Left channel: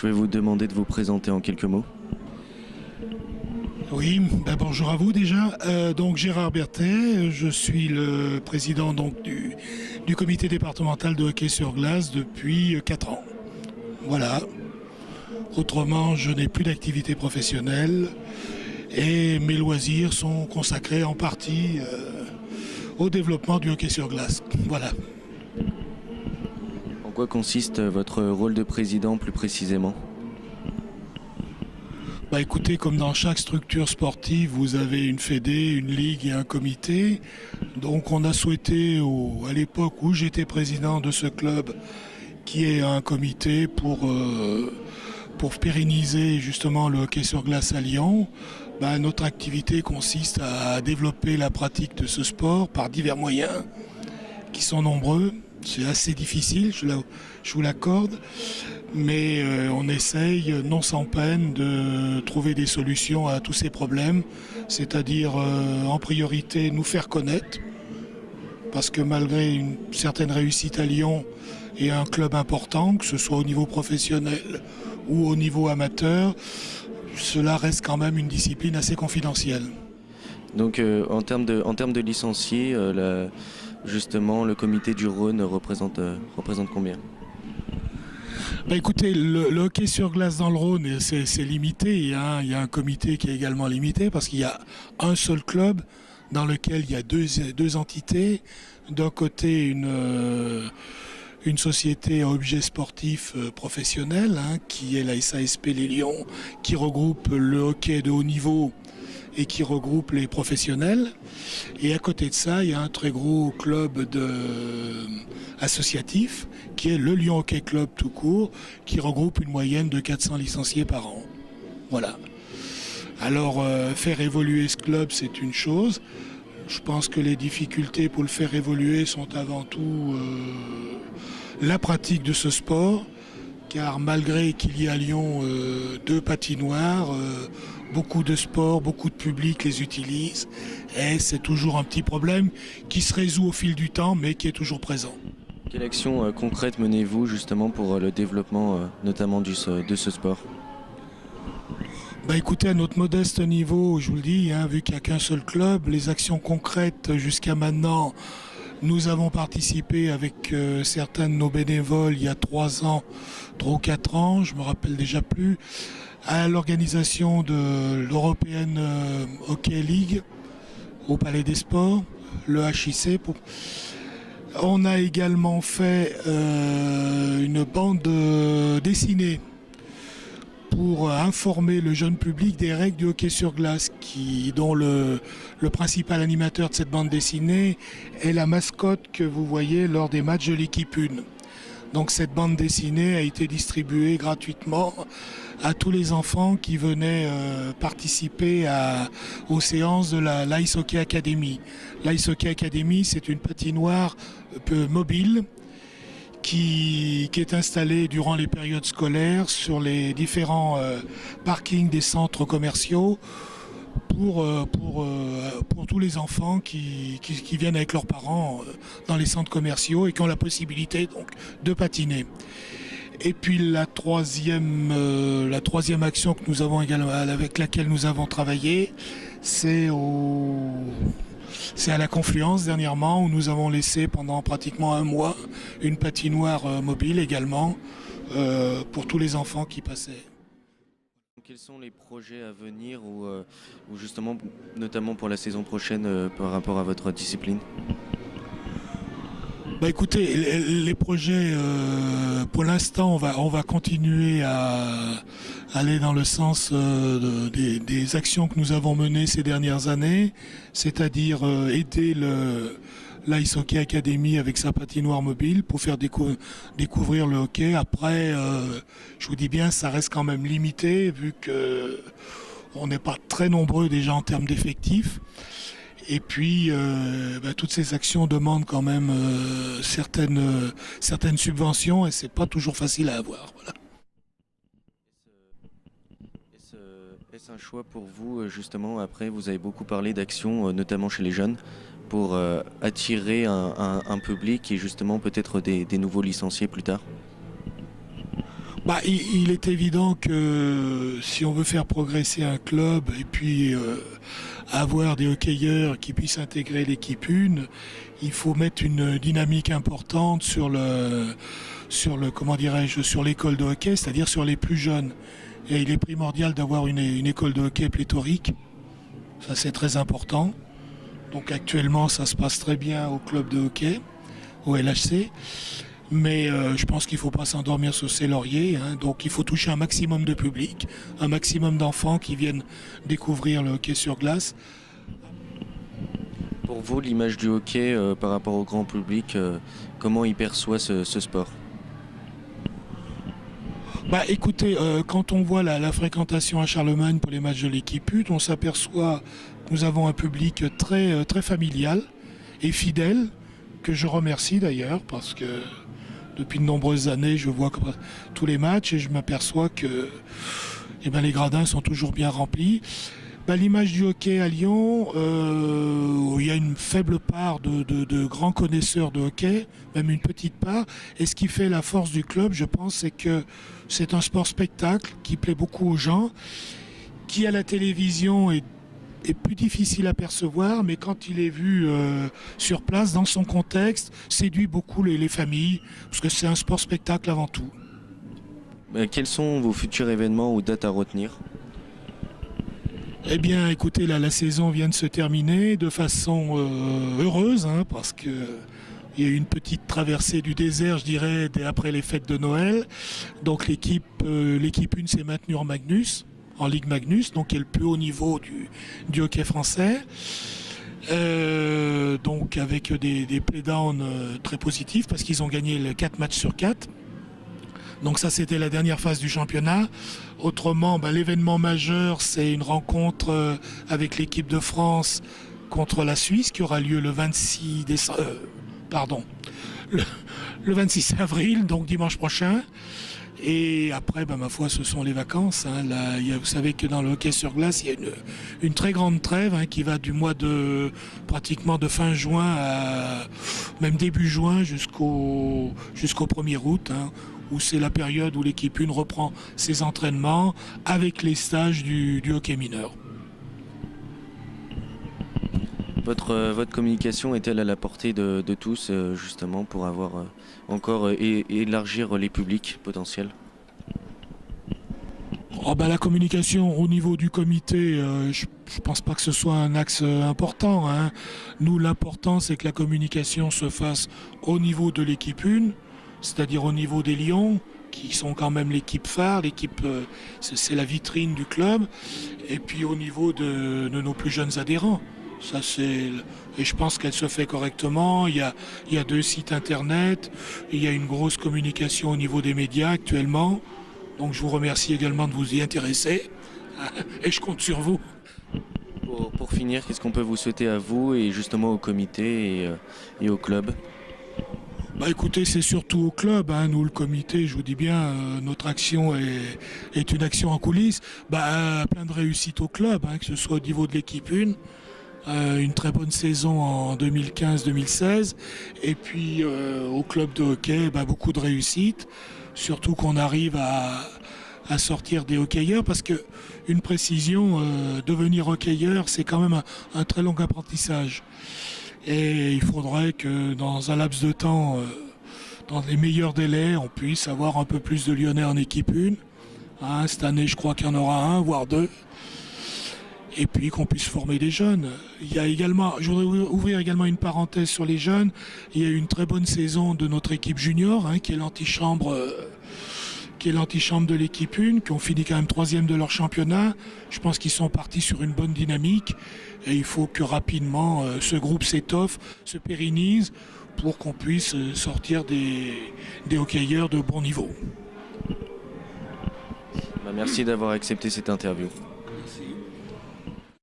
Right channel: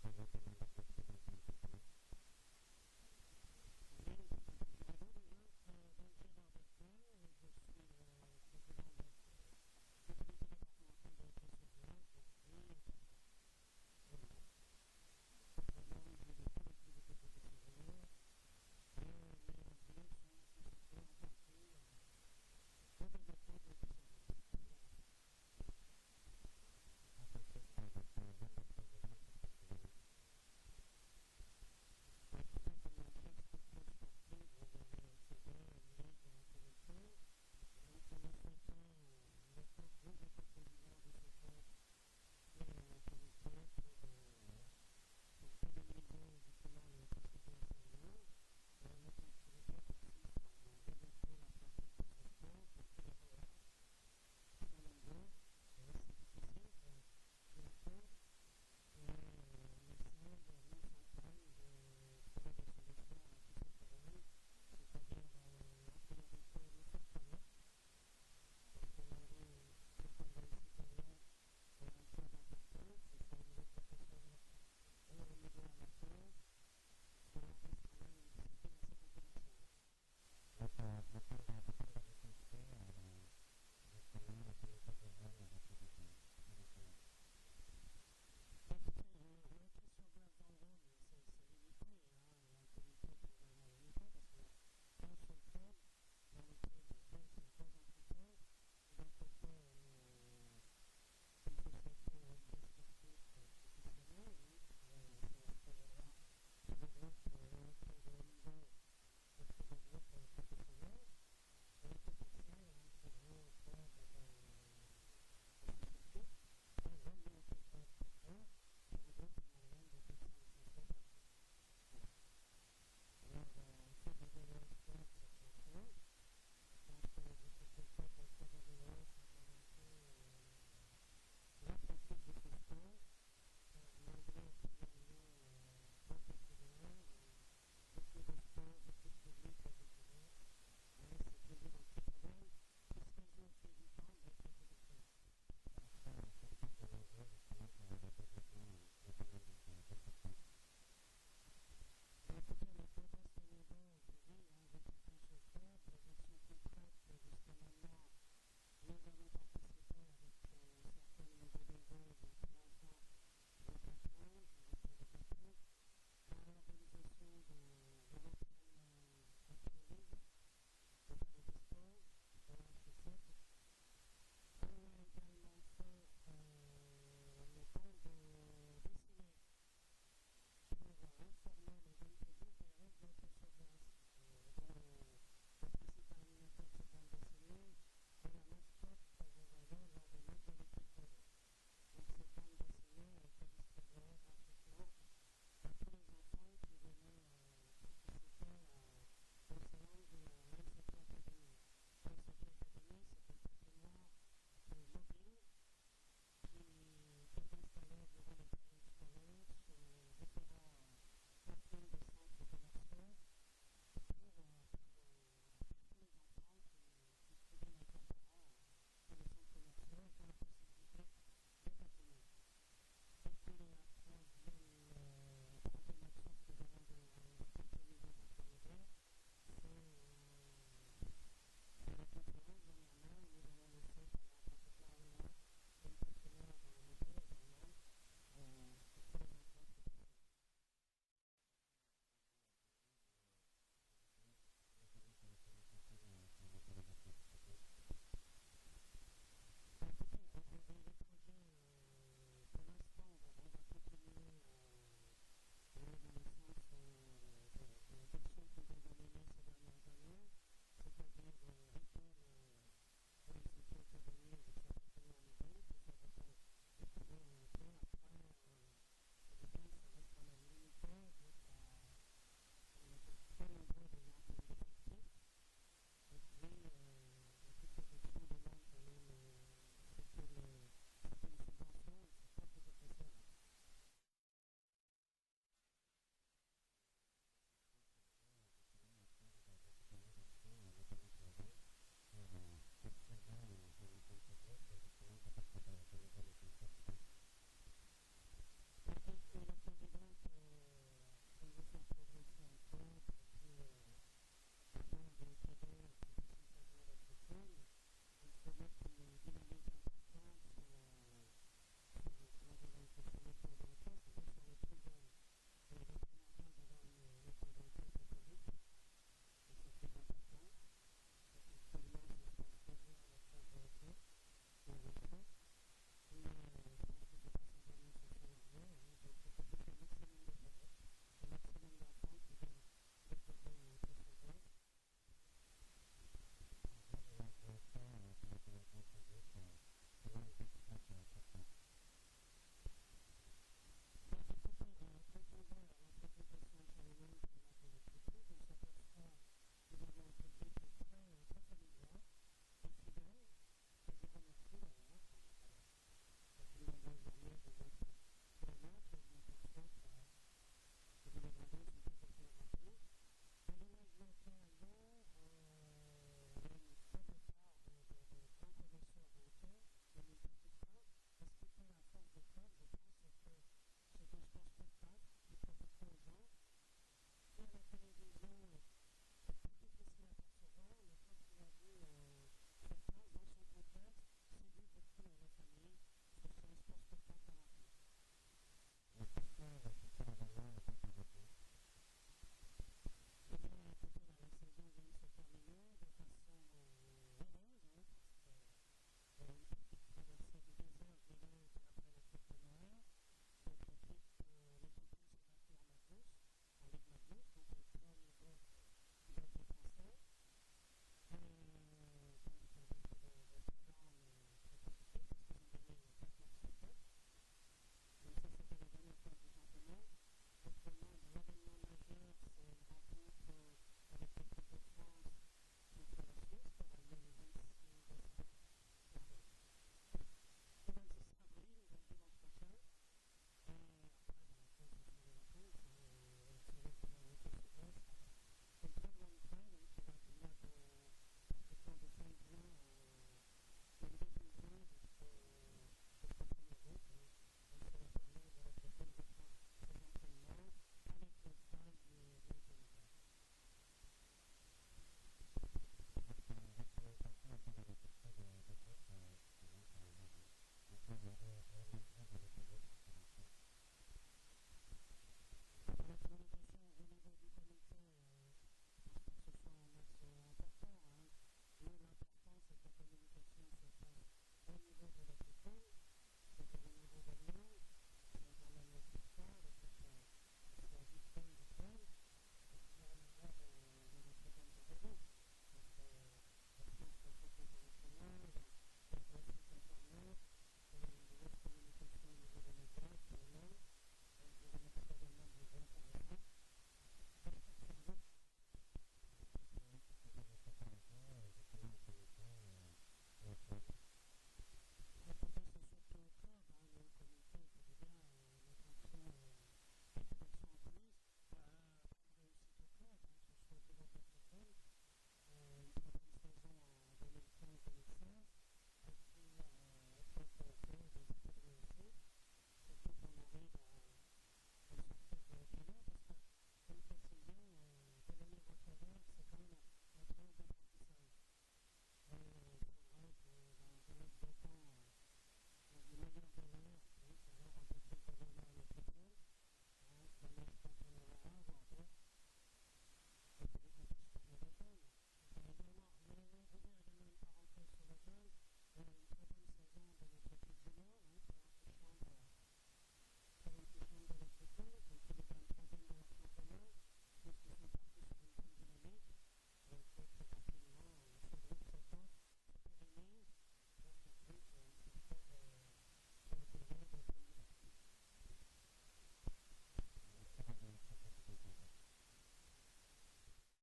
Je vais vous demander de vous présenter en quelques mots. Oui, bonjour à vous déjà. Donc Gérard Berthet, je suis le président du comité départemental de hockey sur glace depuis 4 ans. Voilà. Autrement, je n'ai plus d'activité professionnelle et mes loisirs sont consacrés en partie au développement du hockey sur glace. Voilà. En quoi consiste votre rôle de président plus précisément? Écoutez, comme dans chaque structure sportive, vous avez une fédé, une ligue et un comité. Donc on a souhaité, à l'époque où j'étais président de ce club, qui est un comité pour pérenniser justement le hockey sur glace à Lyon. Notre activité consiste à développer la pratique de ce sport par divers moyens qui sont nombreux. C'est assez difficile, je vous l'accorde, mais on essaye non sans peine de trouver des solutions à tous ces problèmes, c'est-à-dire en priorité nous faire connaître, parce que malgré une certaine réussite à Lyon et un club important, que ce soit au niveau professionnel ou au niveau amateur, cela reste quand même une discipline assez confidentielle. Donc en termes de licenciés, justement le comité du Rhône représente combien? Écoutez, le hockey sur glace dans le Rhône, c'est limité. Il y a un comité qui est également limité parce qu'il y a un seul club dans lequel il y a deux entités. D'un côté, une société à objet sportif professionnel, qui est la SASP Les Lions, qui regroupe le hockey de haut niveau et qui regroupe les professionnels. Et à côté de ça, il y a un très gros club associatif qui est le Lyon Hockey Club tout court, qui regroupe une moyenne de 400 licenciés par an. Voilà. Alors, faire évoluer ce club, c'est une chose. Je pense que les difficultés pour le faire évoluer sont avant tout la pratique de ce sport, car malgré qu'il y ait à Lyon 2 patinoires, beaucoup de sports, beaucoup de public les utilisent, et c'est toujours un petit problème qui se résout au fil du temps, mais qui est toujours présent. Quelle action concrète menez-vous justement pour le développement notamment de ce sport? Écoutez, à notre modeste niveau, je vous le dis, vu qu'il n'y a qu'un seul club, les actions concrètes jusqu'à maintenant, nous avons participé avec certains de nos bénévoles il y a 3 ans, 3 ou 4 ans, je me rappelle déjà plus, à l'organisation de l'European Hockey League au Palais des Sports, le HIC. On a également fait une bande dessinée pour informer le jeune public des règles du hockey sur glace, dont le principal animateur de cette bande dessinée est la mascotte que vous voyez lors des matchs de l'équipe 1. Donc cette bande dessinée a été distribuée gratuitement à tous les enfants qui venaient participer aux séances de l'Ice Hockey Academy. L'Ice Hockey Academy, c'est une patinoire mobile qui est installée durant les périodes scolaires sur les différents parkings des centres commerciaux pour tous les enfants qui viennent avec leurs parents dans les centres commerciaux et qui ont la possibilité donc de patiner. Et puis la troisième action que nous avons également, avec laquelle nous avons travaillé, c'est à la Confluence dernièrement, où nous avons laissé pendant pratiquement 1 mois une patinoire mobile également pour tous les enfants qui passaient. Quels sont les projets à venir ou justement notamment pour la saison prochaine par rapport à votre discipline? Écoutez, les projets, pour l'instant, on va continuer à aller dans le sens des actions que nous avons menées ces dernières années, c'est-à-dire aider l'Ice Hockey Academy avec sa patinoire mobile pour faire découvrir le hockey. Après, je vous dis bien, ça reste quand même limité vu qu'on n'est pas très nombreux déjà en termes d'effectifs. Et puis, toutes ces actions demandent quand même certaines subventions et c'est pas toujours facile à avoir. Voilà. Est-ce un choix pour vous, justement, après, vous avez beaucoup parlé d'actions, notamment chez les jeunes, pour attirer un public et justement peut-être des nouveaux licenciés plus tard? Il est évident que si on veut faire progresser un club et puis avoir des hockeyeurs qui puissent intégrer l'équipe 1, il faut mettre une dynamique importante comment dirais-je, sur l'école de hockey, c'est-à-dire sur les plus jeunes. Et il est primordial d'avoir une école de hockey pléthorique. Ça, c'est très important. Donc actuellement, ça se passe très bien au club de hockey, au LHC. Mais je pense qu'il ne faut pas s'endormir sur ses lauriers, hein. Donc il faut toucher un maximum de public, un maximum d'enfants qui viennent découvrir le hockey sur glace. Pour vous, l'image du hockey par rapport au grand public, comment il perçoit ce sport? Écoutez, quand on voit la fréquentation à Charlemagne pour les matchs de l'équipe 1, on s'aperçoit que nous avons un public très familial et fidèle, que je remercie d'ailleurs, parce que depuis de nombreuses années, je vois tous les matchs et je m'aperçois que les gradins sont toujours bien remplis. L'image du hockey à Lyon, il y a une faible part de grands connaisseurs de hockey, même une petite part. Et ce qui fait la force du club, je pense, c'est que c'est un sport spectacle qui plaît beaucoup aux gens, qui à la télévision est plus difficile à percevoir, mais quand il est vu sur place, dans son contexte, séduit beaucoup les familles, parce que c'est un sport spectacle avant tout. Quels sont vos futurs événements ou dates à retenir? Eh bien, écoutez, la saison vient de se terminer de façon heureuse, hein, parce que il y a eu une petite traversée du désert, je dirais, après les fêtes de Noël. Donc l'équipe 1 s'est maintenue en Ligue Magnus, donc qui est le plus haut niveau du hockey français. Donc avec des playdowns très positifs, parce qu'ils ont gagné 4 matchs sur 4. Donc ça, c'était la dernière phase du championnat. Autrement, l'événement majeur, c'est une rencontre avec l'équipe de France contre la Suisse qui aura lieu le 26 décembre, le 26 avril, donc dimanche prochain. Et après, ma foi, ce sont les vacances, hein. Là, vous savez que dans le hockey sur glace, il y a une très grande trêve, hein, qui va du mois pratiquement de fin juin à même début juin jusqu'au 1er août, hein, où c'est la période où l'équipe 1 reprend ses entraînements avec les stages du hockey mineur. Votre communication est-elle à la portée de tous, justement, pour avoir encore élargir les publics potentiels? La communication au niveau du comité, je ne pense pas que ce soit un axe important, hein. Nous, l'important, c'est que la communication se fasse au niveau de l'équipe 1, c'est-à-dire au niveau des Lions, qui sont quand même l'équipe phare, c'est la vitrine du club, et puis au niveau de nos plus jeunes adhérents. Et je pense qu'elle se fait correctement. Il y a 2 sites internet, il y a une grosse communication au niveau des médias actuellement. Donc je vous remercie également de vous y intéresser, et je compte sur vous. Pour finir, qu'est-ce qu'on peut vous souhaiter à vous et justement au comité et au club? Écoutez, c'est surtout au club, hein. Nous, le comité, je vous dis bien, notre action est une action en coulisses. Plein de réussite au club, hein, que ce soit au niveau de l'équipe 1, une très bonne saison en 2015-2016, et puis au club de hockey, beaucoup de réussite, surtout qu'on arrive à sortir des hockeyeurs, parce que une précision, devenir hockeyeur, c'est quand même un très long apprentissage. Et il faudrait que dans un laps de temps, dans les meilleurs délais, on puisse avoir un peu plus de Lyonnais en équipe 1. Hein, cette année, je crois qu'il y en aura 1, voire 2. Et puis qu'on puisse former des jeunes. Il y a également, je voudrais ouvrir également une parenthèse sur les jeunes. Il y a eu une très bonne saison de notre équipe junior, hein, qui est l'antichambre de l'équipe 1, qui ont fini quand même 3e de leur championnat. Je pense qu'ils sont partis sur une bonne dynamique. Et il faut que rapidement ce groupe s'étoffe, se pérennise, pour qu'on puisse sortir des hockeyeurs de bon niveau. Merci d'avoir accepté cette interview.